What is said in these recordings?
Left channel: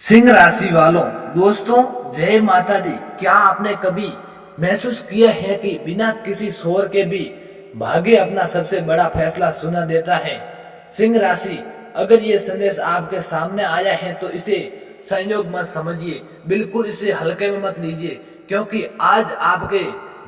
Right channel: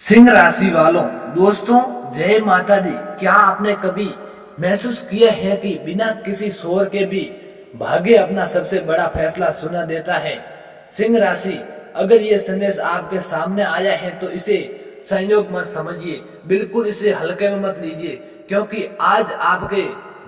सिंह राशि वालों, दोस्तों, जय माता दी। क्या आपने कभी महसूस किया है कि बिना किसी शोर के भी भाग्य अपना सबसे बड़ा फैसला सुना देता है? सिंह राशि, अगर ये संदेश आपके सामने आया है तो इसे संयोग मत समझिए, बिल्कुल इसे हल्के में मत लीजिए, क्योंकि आज आपके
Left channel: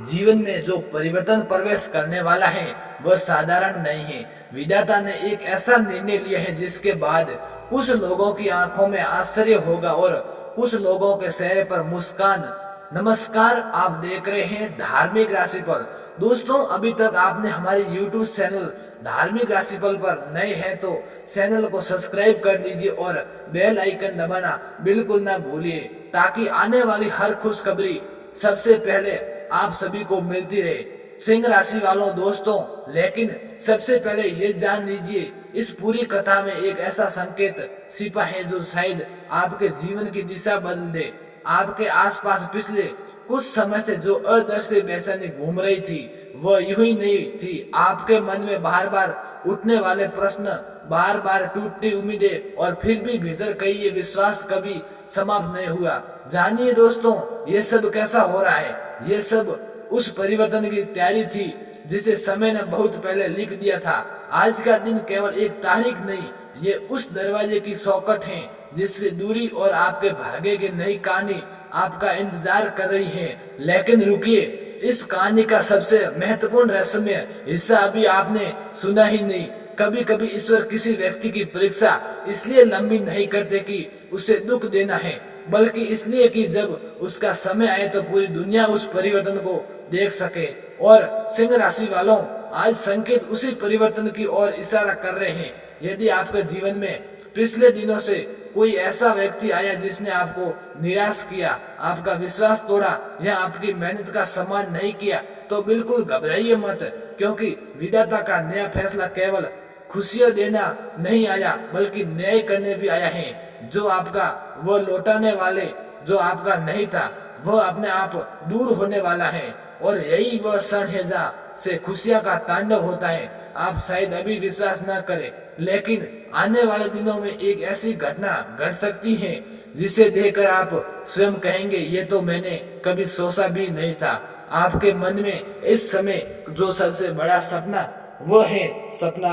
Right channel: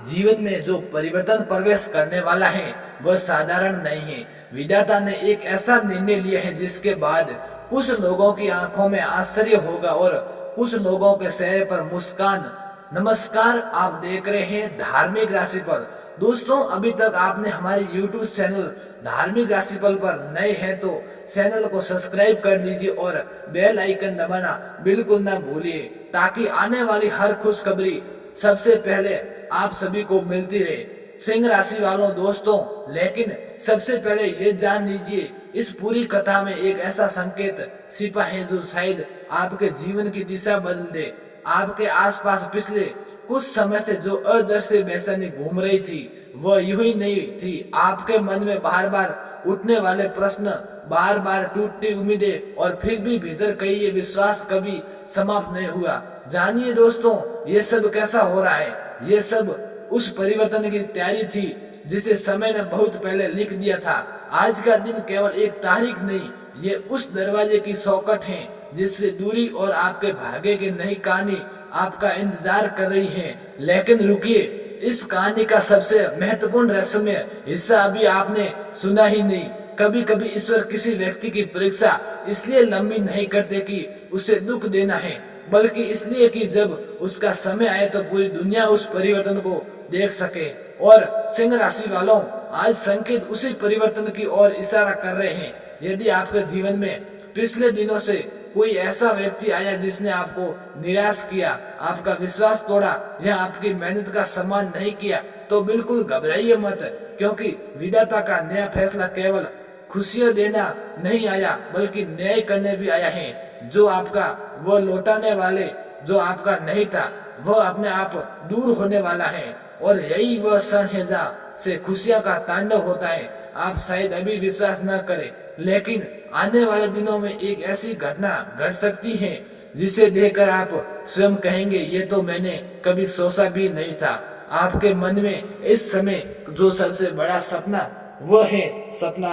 जीवन में जो परिवर्तन प्रवेश करने वाला है वह साधारण नहीं है। विधाता ने एक ऐसा निर्णय लिया है जिसके बाद कुछ लोगों की आंखों में आश्चर्य होगा और कुछ लोगों के चेहरे पर मुस्कान। नमस्कार, आप देख रहे हैं धार्मिक राशिफल। दोस्तों, अभी तक आपने हमारे YouTube चैनल धार्मिक राशिफल पर नए हैं तो चैनल को सब्सक्राइब कर लीजिए और बेल आइकन दबाना बिल्कुल ना भूलिए, ताकि आने वाली हर खुशखबरी सबसे पहले आप सभी को मिलती रहे। सिंह राशि वालों, दोस्तों, लेकिन सबसे पहले ये जान लीजिए, इस पूरी कथा में एक ऐसा संकेत छिपा है जो शायद आपके जीवन की दिशा बदल दे। आपके आसपास पिछले कुछ समय से जो अदृश्य बेचैनी घूम रही थी वह यूं ही नहीं थी। आपके मन में बार बार उठने वाले प्रश्न, बार बार टूटती उम्मीदें और फिर भी भीतर कहीं ये विश्वास कभी समाप्त नहीं हुआ। जानिए दोस्तों, ये सब कैसा हो रहा है। ये सब उस परिवर्तन की तैयारी थी जिसे समय ने बहुत पहले लिख दिया था। आज का दिन केवल एक तारीख नहीं, ये उस दरवाजे की चौखट है जिससे दूरी और आपके भाग्य की नई कहानी आपका इंतजार कर रही है। लेकिन रुकिए, इस कहानी का सबसे महत्वपूर्ण रहस्यमय हिस्सा अभी आपने सुना ही नहीं। कभी कभी ईश्वर किसी व्यक्ति की परीक्षा इसलिए लंबी नहीं करते कि उसे दुख देना है, बल्कि इसलिए कि जब उसका समय आए तो पूरी दुनिया उस परिवर्तन को देख सके। और सिंह राशि वालों, आज संकेत उसी परिवर्तन की ओर इशारा कर रहे हैं। यदि आपके जीवन में पिछले दिनों से कोई ऐसा व्यक्ति आया जिसने आपको निराश किया, आपका विश्वास तोड़ा या आपकी मेहनत का सम्मान नहीं किया, तो बिल्कुल घबराइए मत, क्योंकि विधाता का नया फैसला केवल खुशियां देना नहीं आया बल्कि न्याय करने भी आया है। जो आपका वो लौटाने वाले जो आपका नहीं था वह अपने आप दूर होने वाला है, और यही वह क्षण है जहाँ से खुशियां का तांडव होता है। आप शायद अभी विश्वास न करें, लेकिन आने वाले दिनों में एक ऐसी घटना घट सकती है जिसे देखकर आप स्वयं कहेंगे, ये तो मैंने कभी सोचा भी नहीं था। आपके मन में इस समय जो सबसे बड़ा सपना वह है सपना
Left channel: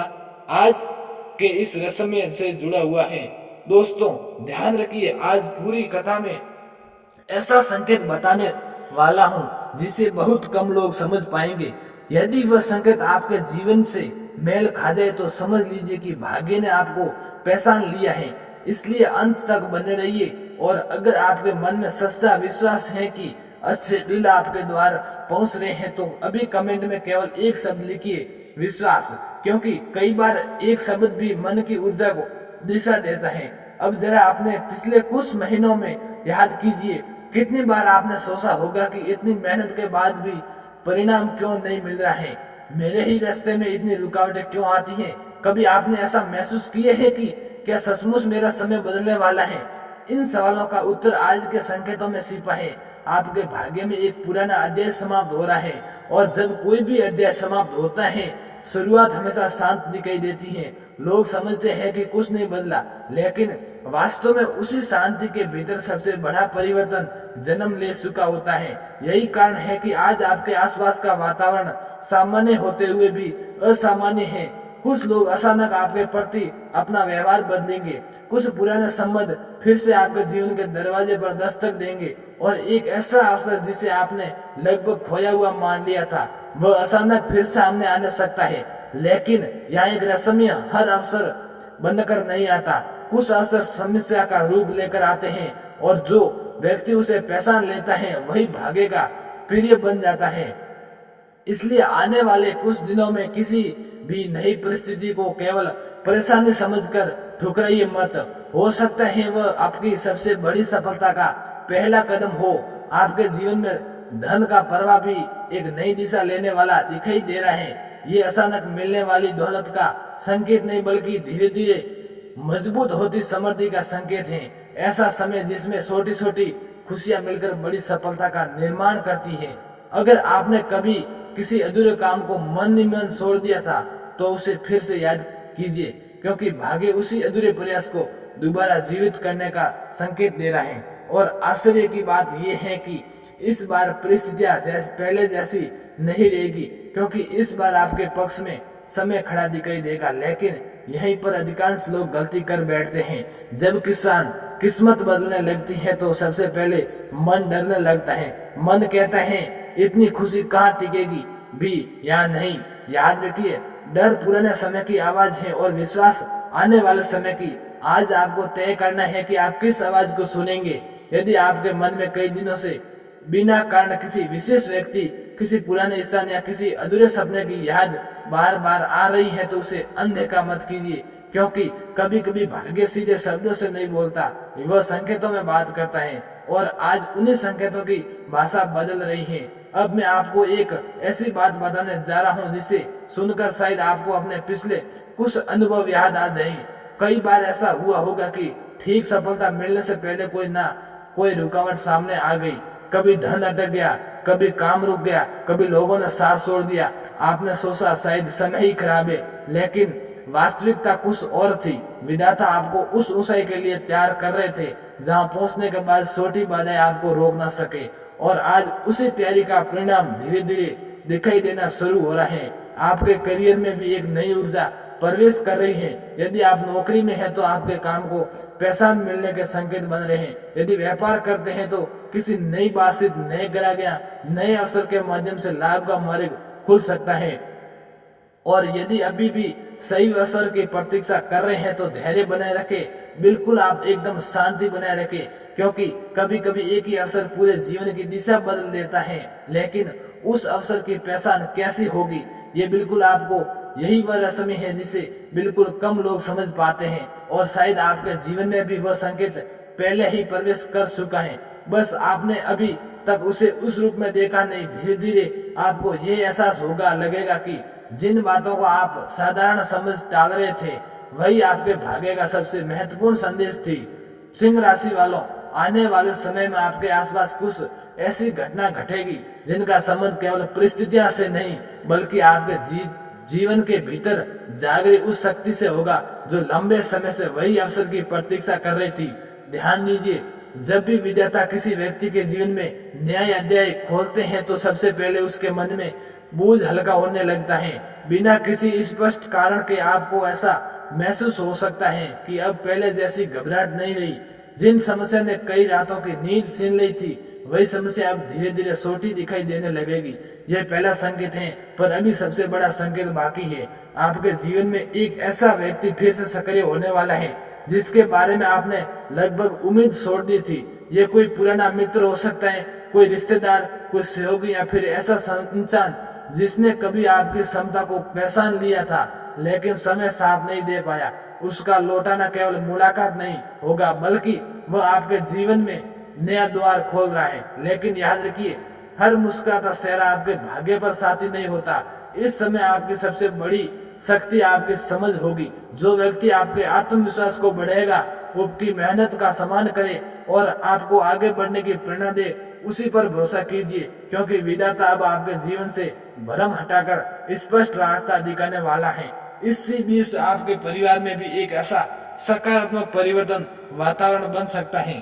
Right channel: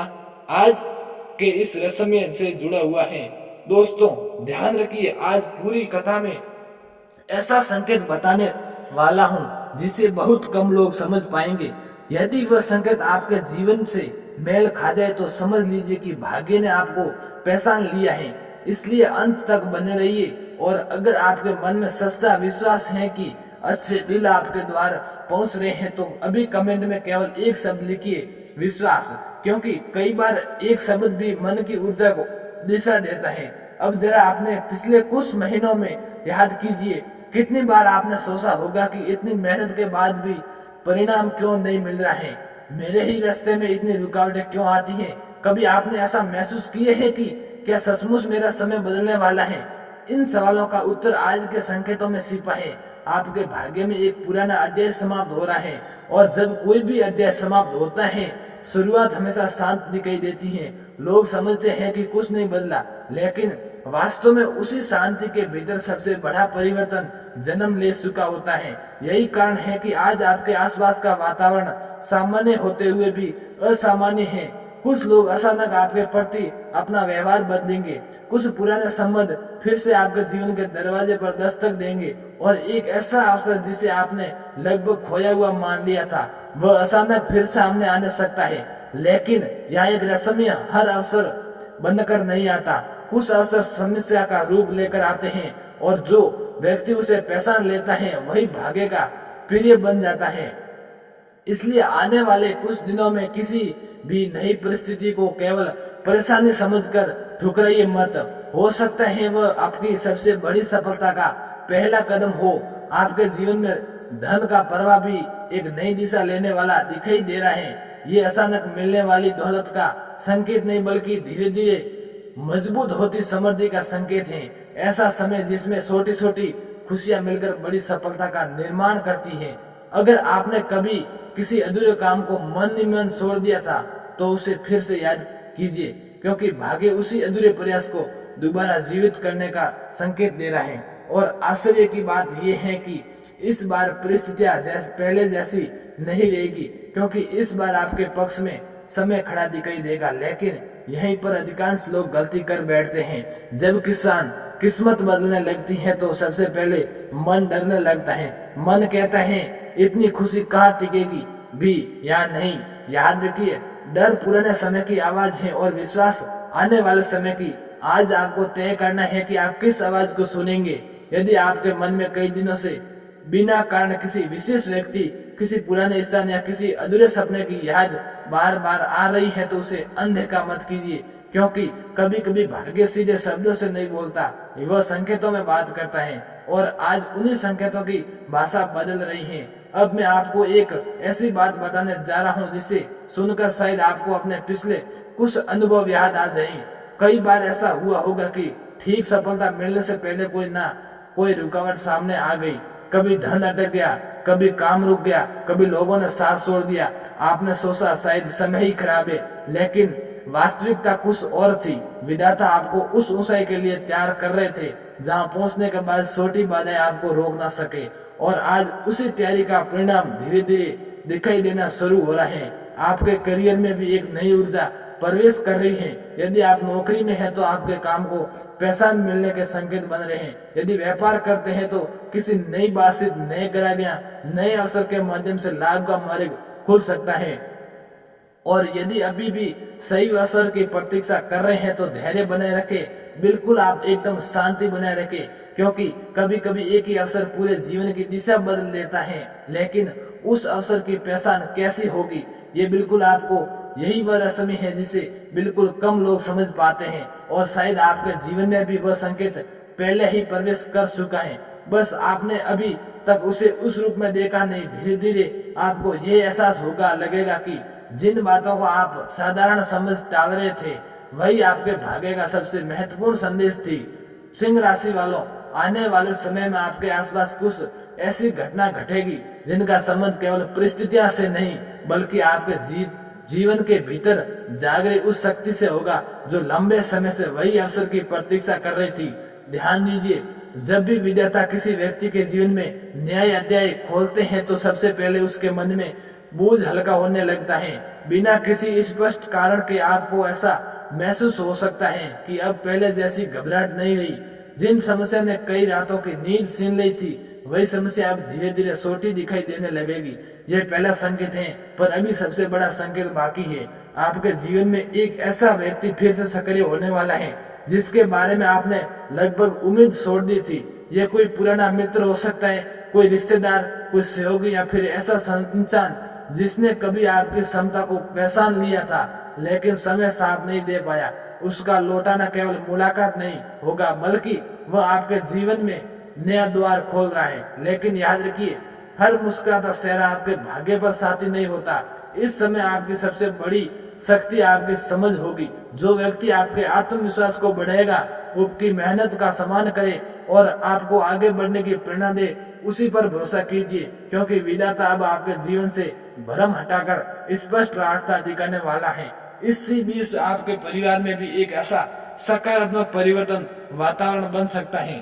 आज के इस रस्म से जुड़ा हुआ है। दोस्तों, ध्यान रखिए, आज पूरी कथा में ऐसा संकेत बताने वाला हूँ जिसे बहुत कम लोग समझ पाएंगे। यदि वह संकेत आपके जीवन से मेल खा जाए तो समझ लीजिए कि भाग्य ने आपको पहचान लिया है। इसलिए अंत तक बने रहिए, और अगर आपके मन में सच्चा विश्वास है कि अच्छे दिल आपके द्वार पहुंच रहे हैं तो अभी कमेंट में केवल एक शब्द लिखिए, विश्वास, क्योंकि कई बार एक शब्द भी मन की ऊर्जा को दिशा देता है। अब जरा अपने पिछले कुछ महीनों में याद कीजिए, कितनी बार आपने सोचा होगा कि इतनी मेहनत के बाद भी परिणाम क्यों नहीं मिल रहा है, मेरे ही रास्ते में इतनी रुकावटें क्यों आती हैं। कभी आपने ऐसा महसूस किए है कि क्या सचमुच मेरा समय बदलने वाला है? इन सवालों का उत्तर आज के संकेतों में छिपा है। आपके भाग्य में एक पुराना अध्याय समाप्त हो रहा है, और जब कोई भी अध्याय समाप्त होता है शुरुआत हमेशा शांत दिखाई देती है। लोग समझते हैं कि कुछ नहीं बदला, लेकिन वास्तव में उसी शांति के भीतर सबसे बड़ा परिवर्तन जन्म ले चुका होता है। यही कारण है कि आज आपके आसपास का वातावरण सामान्य होते हुए भी असामान्य है। कुछ लोग अचानक आपके प्रति अपना व्यवहार बदलेंगे, कुछ पुराने संबंध फिर से आपके जीवन के दरवाजे पर दस्तक देंगे, और एक ऐसा अवसर जिसे आपने लगभग खोया हुआ मान लिया था वह अचानक फिर सामने आने सकता है। लेकिन यहाँ एक रहस्यमय, हर अवसर बनकर नहीं आता। कुछ अवसर समस्या का रूप लेकर आते हैं, और जो व्यक्ति उसे पहचान लेता है वही भाग्य का प्रिय बन जाता है। इसलिए आने वाले कुछ दिनों में किसी भी नई परिस्थिति को केवल परेशानी समझकर ठुकराइए मत। हो सकता है वह आपकी सबसे बड़ी सफलता का पहला कदम हो। आपके जीवन में धन का प्रवाह भी एक नई दिशा लेने वाला दिखाई दे रहा है। ये अचानक मिलने वाली दौलत का संकेत नहीं बल्कि धीरे धीरे मजबूत होती समृद्धि का संकेत है। ऐसा समय जिसमें छोटी छोटी खुशियां मिलकर बड़ी सफलता का निर्माण करती है। अगर आपने कभी किसी अधूरे काम को मन ही मन छोड़ दिया था तो उसे फिर से याद कीजिए, क्योंकि भाग्य उसी अधूरे प्रयास को दोबारा जीवित करने का संकेत दे रहे हैं। और आश्चर्य की बात यह है कि इस बार परिस्थितियां पहले जैसी नहीं रहेगी, क्योंकि इस बार आपके पक्ष में समय खड़ा दिखाई देगा। लेकिन यहीं पर अधिकांश लोग गलती कर बैठते हैं। जब किस्मत बदलने लगती है तो सबसे पहले मन डरने लगता है। मन कहता है इतनी खुशी कहाँ टिकेगी भी या नहीं। याद रखिए, डर पुराने समय की आवाज है और विश्वास आने वाले समय की। आज आपको तय करना है कि आप किस आवाज को सुनेंगे। यदि आपके मन में कई दिनों से बिना कारण किसी विशेष व्यक्ति, किसी पुराने स्थान या किसी अधूरे सपने की याद बार बार आ रही है तो उसे अनदेखा मत कीजिए, क्योंकि कभी कभी भाग्य सीधे शब्दों से नहीं बोलता, वह संकेतों में बात करता है। और आज उन्हीं संकेतों की भाषा बदल रही है। अब मैं आपको एक ऐसी बात बताने जा रहा हूँ जिसे सुनकर शायद आपको अपने पिछले कुछ अनुभव याद आ जाए। कई बार ऐसा हुआ होगा कि ठीक सफलता मिलने से पहले कोई रुकावट सामने आ गई। कभी धन अटक गया, कभी काम रुक गया, कभी लोगों ने साथ छोड़ दिया। आपने सोचा शायद समय ही खराब है, लेकिन वास्तविकता कुछ और थी। विधाता आपको उस ऊंचाई के लिए तैयार कर रहे थे जहां पहुंचने के बाद छोटी बाधाएं आपको रोक ना सके। और आज उसी तैयारी का परिणाम धीरे धीरे दिखाई देना शुरू हो रहा है। आपके करियर में भी एक नई ऊर्जा प्रवेश कर रही है। यदि आप नौकरी में हैं तो आपके काम को पैसा मिलने के संकेत बन रहे हैं। यदि व्यापार करते हैं तो किसी नई बातचीत, नए ग्राहक, नए अवसर के माध्यम से लाभ का मार्ग खुल सकता है। और यदि अभी भी सही अवसर की प्रतीक्षा कर रहे हैं तो धैर्य बनाए रखें। बिल्कुल आप एकदम शांति बनाए रखें, क्योंकि कभी कभी एक ही अवसर पूरे जीवन की दिशा बदल देता है। लेकिन उस अवसर की पहचान कैसी होगी, ये बिल्कुल आपको यही वह रस्म है जिसे बिल्कुल कम लोग समझ पाते हैं। और शायद आपके जीवन में भी वह संकेत पहले ही प्रवेश कर चुका है, बस आपने अभी तक उसे उस रूप में देखा नहीं। धीरे धीरे आपको यह एहसास लगेगा कि जिन बातों को आप साधारण समझ टाल रहे थे वही आपके भाग्य का सबसे महत्वपूर्ण संदेश थी। सिंह राशि वालों, आने वाले समय में आपके आसपास कुछ ऐसी घटना घटेगी जिनका संबंध केवल परिस्थितियों से नहीं बल्कि आपके जीवन के भीतर जाग रही उस शक्ति से होगा जो लंबे समय से वही अवसर की प्रतीक्षा कर रही थी। ध्यान दीजिए, जब भी विधाता किसी व्यक्ति के जीवन में नया अध्याय खोलते हैं तो सबसे पहले उसके मन में बोझ हल्का होने लगता है। बिना किसी स्पष्ट कारण के आपको ऐसा महसूस हो सकता है कि अब पहले जैसी घबराहट नहीं रही। जिन समस्या ने कई रातों की नींद छीन ली थी वही समस्या अब धीरे धीरे छोटी दिखाई देने लगेगी। यह पहला संकेत है, पर अभी सबसे बड़ा संकेत बाकी है। आपके जीवन में एक ऐसा व्यक्ति फिर से सक्रिय होने वाला है जिसके बारे में आपने लगभग उम्मीद छोड़ दी थी। यह कोई पुराना मित्र हो सकता है, कोई रिश्तेदार, कोई सहयोगी, या फिर ऐसा इंसान जिसने कभी आपकी क्षमता को पहचान लिया था लेकिन समय साथ नहीं दे पाया। उसका लौटाना केवल मुलाकात नहीं होगा बल्कि वह आपके जीवन में नया द्वार खोल रहा है। लेकिन याद रखिए, हर मुस्कुराता चेहरा आपके भाग्य पर साथी नहीं होता। इस समय आपकी सबसे बड़ी शक्ति आपकी समझ होगी। जो व्यक्ति आपके आत्मविश्वास को बढ़ाएगा, आपकी मेहनत का सम्मान करे और आपको आगे बढ़ने की प्रेरणा दे, उसी पर भरोसा कीजिए, क्योंकि विधाता अब आपके जीवन से भ्रम हटाकर स्पष्ट रास्ता दिखाने वाला है। इसी बीच आपके परिवार में भी एक ऐसा सकारात्मक परिवर्तन वातावरण बन सकता है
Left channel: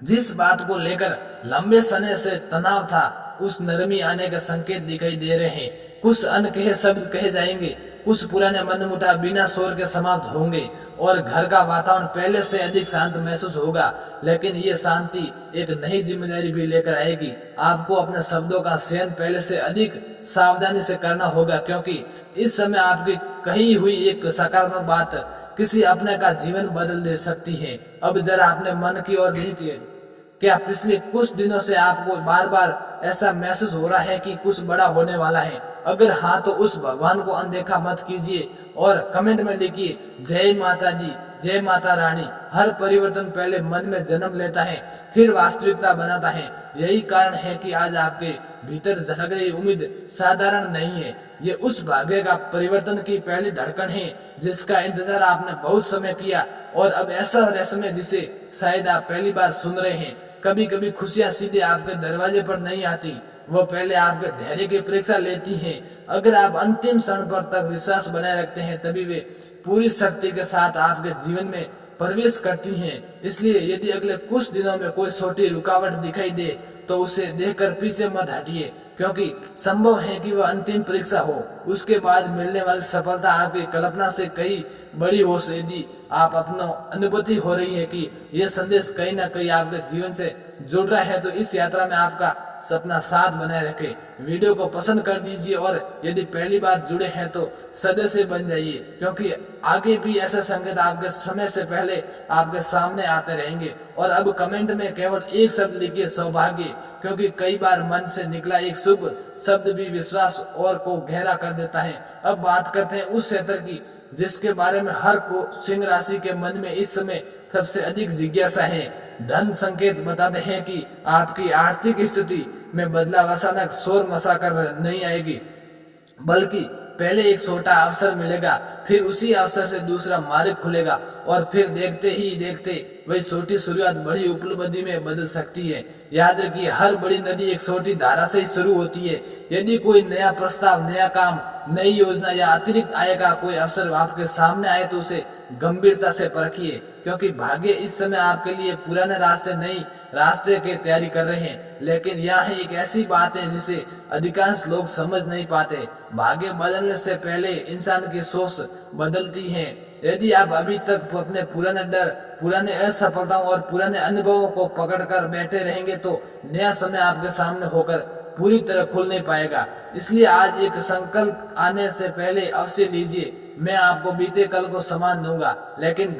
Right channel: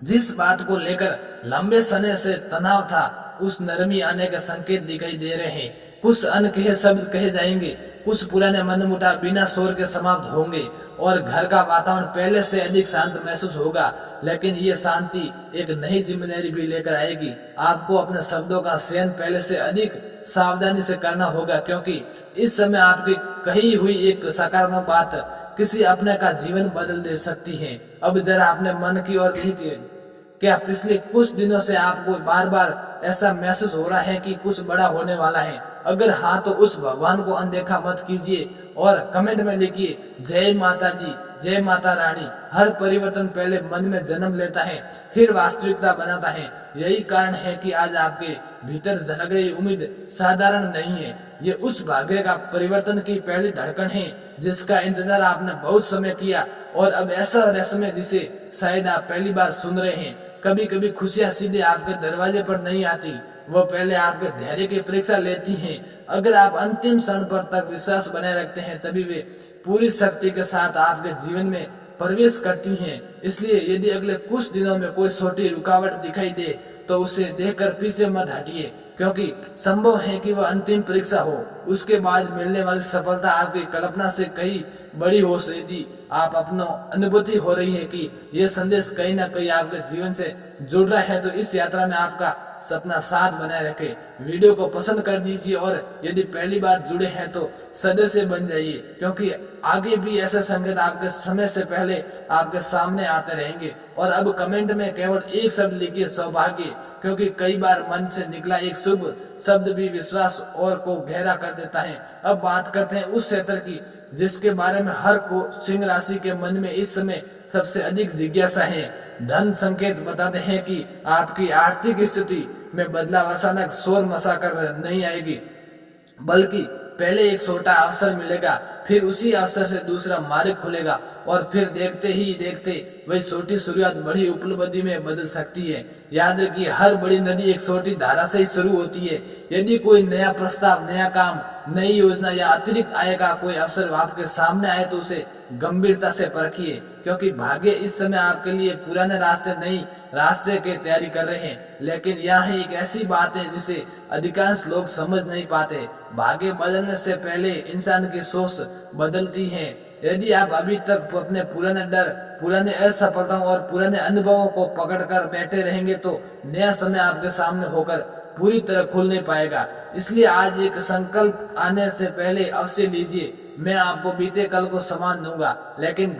जिस बात को लेकर लंबे समय से तनाव था, उस नरमी आने के संकेत दिखाई दे रहे हैं। कुछ अनकहे शब्द कहे जाएंगे, कुछ पुराने मनमुटाव बिना शोर के समाप्त होंगे और घर का वातावरण पहले से अधिक शांत महसूस होगा। लेकिन ये शांति एक नई जिम्मेदारी भी लेकर आएगी। आपको अपने शब्दों का चयन पहले से अधिक सावधानी से करना होगा, क्योंकि इस समय आपकी कही हुई एक सकारात्मक बात किसी अपने का जीवन बदल दे सकती है। अब जरा अपने मन की ओर देखिए। क्या पिछले कुछ दिनों से आपको बार बार ऐसा महसूस हो रहा है कि कुछ बड़ा होने वाला है? अगर हाँ, तो उस भगवान को अनदेखा मत कीजिए और कमेंट में लिखिए, जय माता दी, जय माता रानी। हर परिवर्तन पहले मन में जन्म लेता है, फिर वास्तविकता बनाता है। यही कारण है कि आज आपके भीतर जाग रही उम्मीद साधारण नहीं है। ये उस भाग्य का परिवर्तन की पहली धड़कन है जिसका इंतजार आपने बहुत समय किया। और अब ऐसा समय जिसे शायद आप पहली बार सुन रहे हैं। कभी कभी खुशियां सीधे आपके दरवाजे पर नहीं आती, वो पहले आपके धैर्य की परीक्षा लेती हैं। अगर आप अंतिम क्षण पर तक विश्वास बनाए रखते हैं, तभी वे पूरी शक्ति के साथ आपके जीवन में प्रवेश करती हैं। इसलिए यदि अगले कुछ दिनों में कोई छोटी रुकावट दिखाई दे तो उसे देखकर पीछे मत हटिए, क्योंकि संभव है कि वह अंतिम परीक्षा हो। उसके बाद मिलने वाली सफलता आपकी कल्पना से कहीं बड़ी हो। यदि आप अपना अनुभूति हो रही है कि यह संदेश कहीं ना कहीं आपके जीवन से जुड़ रहा है, तो इस यात्रा में आपका सपना साथ बनाए रखे। वीडियो को पसंद कर दीजिए और यदि पहली बार जुड़े हैं तो सदस्य बन जाइए, क्योंकि आगे भी ऐसे संकेत आपके समय से पहले आपके सामने आते रहेंगे। और अब कमेंट में केवल एक शब्द लिखिए, सौभाग्य, क्योंकि कई बार मन से निकला एक शुभ शब्द भी विश्वास और को गहरा कर देता है। अब बात करते हैं उस क्षेत्र की जिसके बारे में हर को सिंह राशि के मन में इस समय सबसे अधिक जिज्ञासा है। धन संकेत बताते हैं कि आपकी आर्थिक स्थिति में बदलाव अचानक शोर मचा कर नहीं आएगी, बल्कि पहले एक छोटा अवसर मिलेगा, फिर उसी अवसर से दूसरा मार्ग खुलेगा और फिर देखते ही देखते वही छोटी शुरुआत बड़ी उपलब्धि में बदल सकती है। याद रखिए, हर बड़ी नदी एक छोटी धारा से ही शुरू होती है। यदि कोई नया प्रस्ताव, नया काम, नई योजना या अतिरिक्त आय का कोई अवसर आपके सामने आए तो उसे गंभीरता से परखिए, क्योंकि भाग्य इस समय आपके लिए पुराने रास्ते नई रास्ते की तैयारी कर रहे हैं। लेकिन यहाँ एक ऐसी बात है जिसे अधिकांश लोग समझ नहीं पाते। भाग्य बदलने से पहले इंसान की सोच बदलती है। यदि आप अभी तक अपने पुराने डर, पुराने असफलताओं और पुराने अनुभवों को पकड़कर बैठे रहेंगे तो नया समय आपके सामने होकर पूरी तरह खुल नहीं पाएगा। इसलिए आज एक संकल्प आने से पहले अवश्य लीजिए, मैं आपको बीते कल को समान दूंगा, लेकिन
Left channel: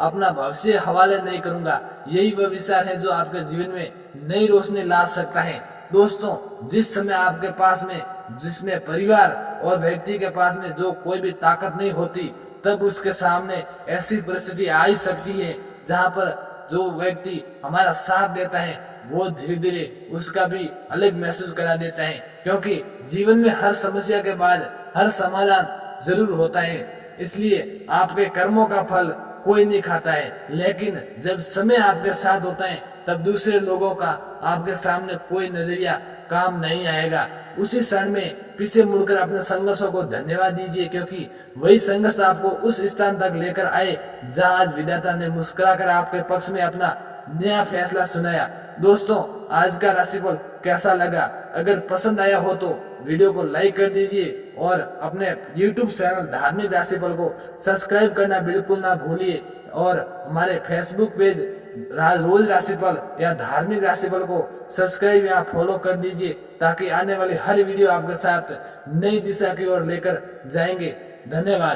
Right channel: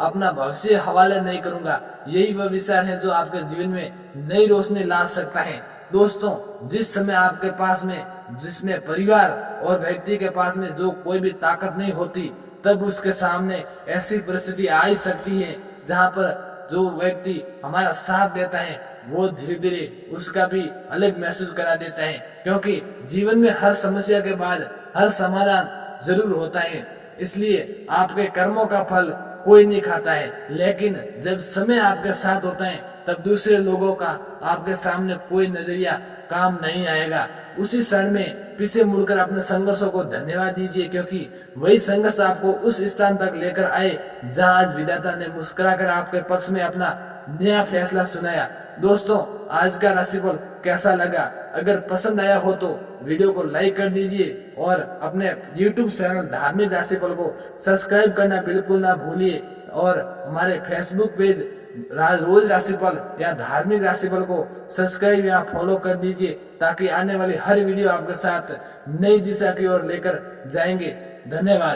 अपना भविष्य हवाले नहीं करूंगा। यही वह विचार है जो आपके जीवन में नई रोशनी ला सकता है। दोस्तों, जिस समय आपके पास में, जिसमें परिवार और व्यक्ति के पास में जो कोई भी ताकत नहीं होती, तब उसके सामने ऐसी परिस्थिति आ ही सकती है जहाँ पर जो व्यक्ति हमारा साथ देता है वो धीरे धीरे उसका भी अलग महसूस करा देता है, क्योंकि जीवन में हर समस्या के बाद हर समाधान जरूर होता है। इसलिए आपके कर्मों का फल कोई नहीं खाता है, लेकिन जब समय आपके साथ होता है तब दूसरे लोगों का आपके सामने कोई नजरिया काम नहीं आएगा। उसी क्षण में पीछे मुड़कर अपने संघर्षों को धन्यवाद दीजिए, क्योंकि वही संघर्ष आपको उस स्थान तक लेकर आए जहां आज विधाता ने मुस्कुराकर आपके पक्ष में अपना नया फैसला सुनाया। दोस्तों, आज का राशिफल कैसा लगा? अगर पसंद आया हो तो वीडियो को लाइक कर दीजिए और अपने YouTube चैनल धार्मिक राशिफल को सब्सक्राइब करना बिल्कुल ना भूलिए। और हमारे Facebook पेज रोज राशिफल या धार्मिक राशिफल को सब्सक्राइब या फॉलो कर दीजिए, ताकि आने वाली हर वीडियो आपके साथ नई दिशा की ओर लेकर जाएंगे। धन्यवाद।